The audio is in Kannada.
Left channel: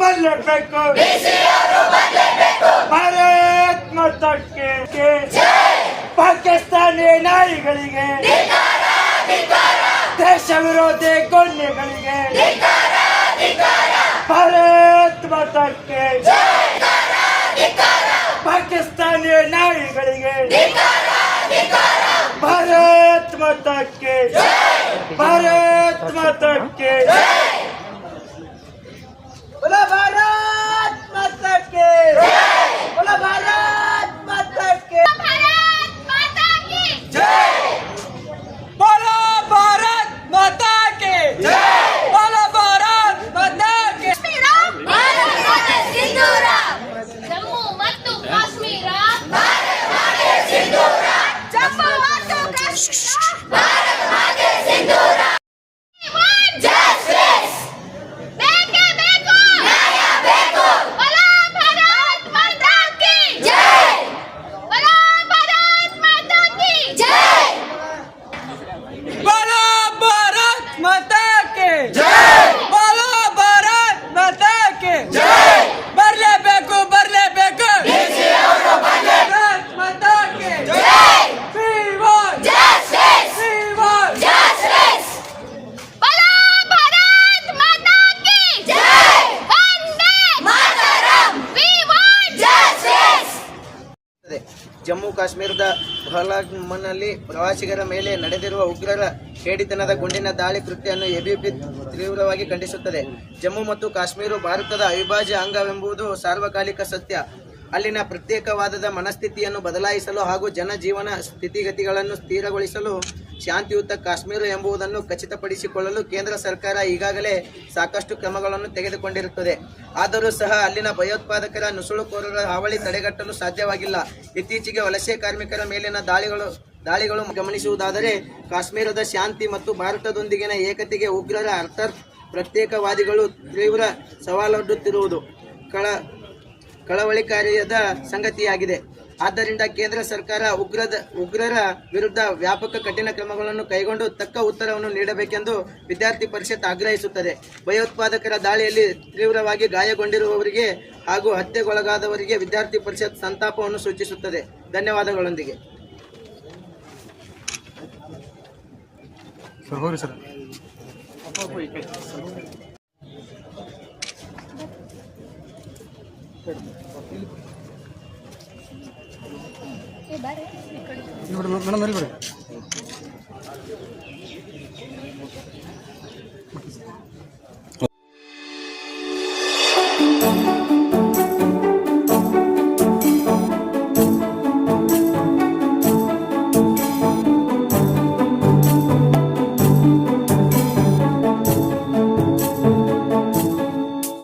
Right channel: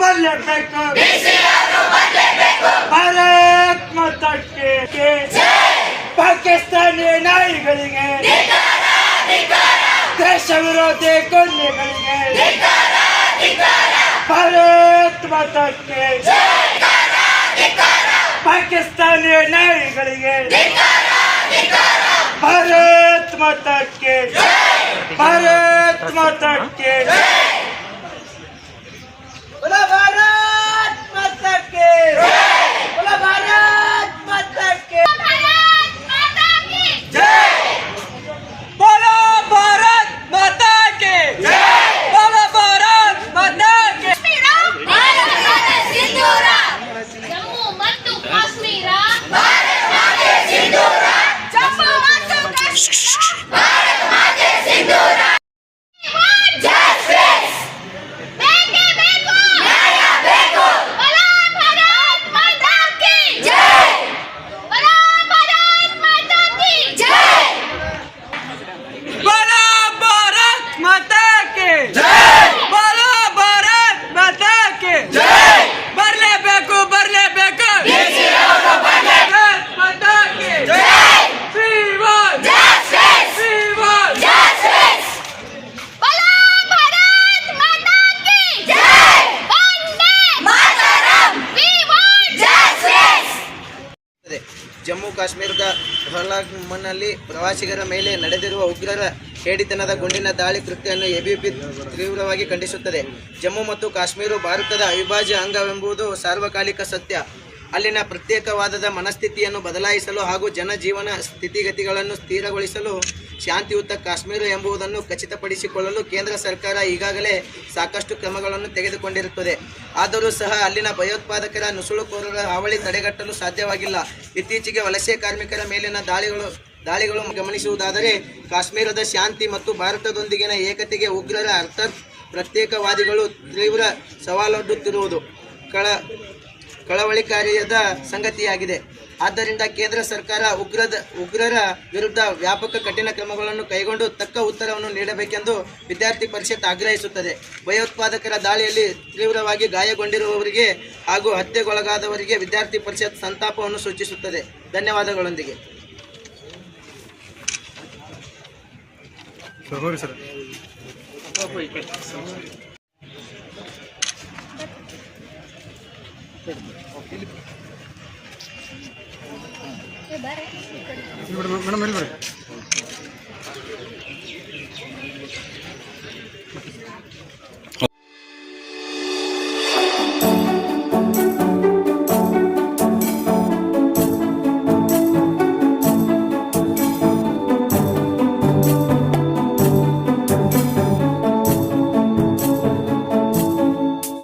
ಬರಲೇಬೇಕು ಭಾರತ್ ಮಾತಾ ಕಿ ಪಾಕಿಸ್ತಾನಿ ನಾಯಿಗಳಿಗೆ ದೇಶ ವಿರೋಧಿ ಗೊಂದೆಗಳಿಗೆ ಭಾರತ್ ಮಾತಾ ಕಿ ಪಾಕಿಸ್ತಾನಿ ನಾಯಿಗಳಿಗೆ ಭಾರತ್ ಮಾತಾ ಕಿ ಭಾರತ್ ಮಾತಾ ಕಿ बोला भारत माता के बोला भारत माता के भारत माता की जय बोला भारत माता के जय बोला भारत माता के भारत माತೆ ಸಿಂಧೂರ ಜಮ್ಮು ಮತ್ತು ಕಾಶ್ಮೀರ ಭಾರತ ಮಾತೆ ಸಿಂಧೂರ ಜಮ್ಮು ಮತ್ತು ಕಾಶ್ಮೀರ ಭಾರತ ಮಾತೆ ಸಿಂಧೂರ ಜಮ್ಮು ಕಾಶ್ಮೀರದ ಪಹಲ್ಗಾಮ್ನಲ್ಲಿ ಪ್ರವಾಸಿಗರ ಮೇಲೆ ನಡೆದಿರುವ ಉಗ್ರರ ಹೇಡಿತನದ ಗುಂಡಿನ ದಾಳಿ ಕೃತ್ಯವನ್ನು ಎಬಿಪಿ ತೀವ್ರವಾಗಿ ಖಂಡಿಸುತ್ತದೆ. ಜಮ್ಮು ಮತ್ತು ಕಾಶ್ಮೀರ ಭಾರತದ ಅವಿಭಾಜ್ಯ ಅಂಗವೆಂಬುದು ಸಾರ್ವಕಾಲಿಕ ಸತ್ಯ. ಅಲ್ಲಿನ ಪ್ರತ್ಯೇಕವಾದದ ಮನಸ್ಥಿತಿಯನ್ನು ಬದಲಾಯಿಸಲು ಹಾಗೂ ಜನಜೀವನ ಸ್ಥಿತಿಗತಿಗಳನ್ನು ಸ್ಥಿರಗೊಳಿಸಲು ಶಾಂತಿಯುತ ಕಾಶ್ಮೀರ ಎಂಬುದನ್ನು ಖಚಿತಪಡಿಸಿಕೊಳ್ಳಲು ಕೇಂದ್ರ ಸರ್ಕಾರ ಈಗಾಗಲೇ ಸಾಕಷ್ಟು ಕ್ರಮಗಳನ್ನು ತೆಗೆದುಕೊಂಡಿರುತ್ತದೆ. ಆದರೂ ಸಹ ಅಲ್ಲಿನ ಭಯೋತ್ಪಾದಕರ ನುಸುಳುಕೋರರ ಹಾವಳಿ ತಡೆಗಟ್ಟಲು ಸಾಧ್ಯವಾಗಿಲ್ಲ. ಇತ್ತೀಚೆಗೆ ವಲಸೆ ಕಾರ್ಮಿಕರ ಮೇಲಿನ ದಾಳಿಗಳು ಗಮನಿಸುವುದಾದರೆ ಕಾಶ್ಮೀರದ ಶಾಂತಿ ಮತ್ತು ಭಾರತದೊಂದಿಗಿನ ಏಕತೆಗೆ ಉಗ್ರರ ಅರ್ಥಾತ್ ಪ್ರತ್ಯೇಕವಾದಿಗಳು ತೀವ್ರ ಸವಾಲೊಡ್ಡುತ್ತಿರುವುದು ಕಳವಳಿಕಾರಿಯಾದ ಸಂಗತಿಯಾಗಿದೆ. ಆದ್ದರಿಂದ ಕೇಂದ್ರ ಸರ್ಕಾರ ಉಗ್ರರ ವಿರುದ್ಧ ವ್ಯಾಪಕ ಕಠಿಣ ಕ್ರಮಗಳನ್ನು ಕೈಗೊಂಡು ತಕ್ಕ ಉತ್ತರವನ್ನು ನೀಡಬೇಕೆಂದು ವಿದ್ಯಾರ್ಥಿ ಪರಿಷತ್ ಆಗ್ರಹಿಸುತ್ತದೆ. ಭಯೋತ್ಪಾದಕರ ದಾಳಿಯಲ್ಲಿ ತೀವ್ರವಾಗಿ ಗಾಯಗೊಂಡಿರುವವರಿಗೆ ಹಾಗೂ ಹತ್ಯೆಗೊಳಗಾದವರಿಗೆ ವಿದ್ಯಾರ್ಥಿ ಪರಿಷತ್ ಸಂತಾಪವನ್ನು ಸೂಚಿಸುತ್ತದೆ. ಧನ್ಯವಾದಗಳೊಂದಿಗೆ ಮೇಡಮ್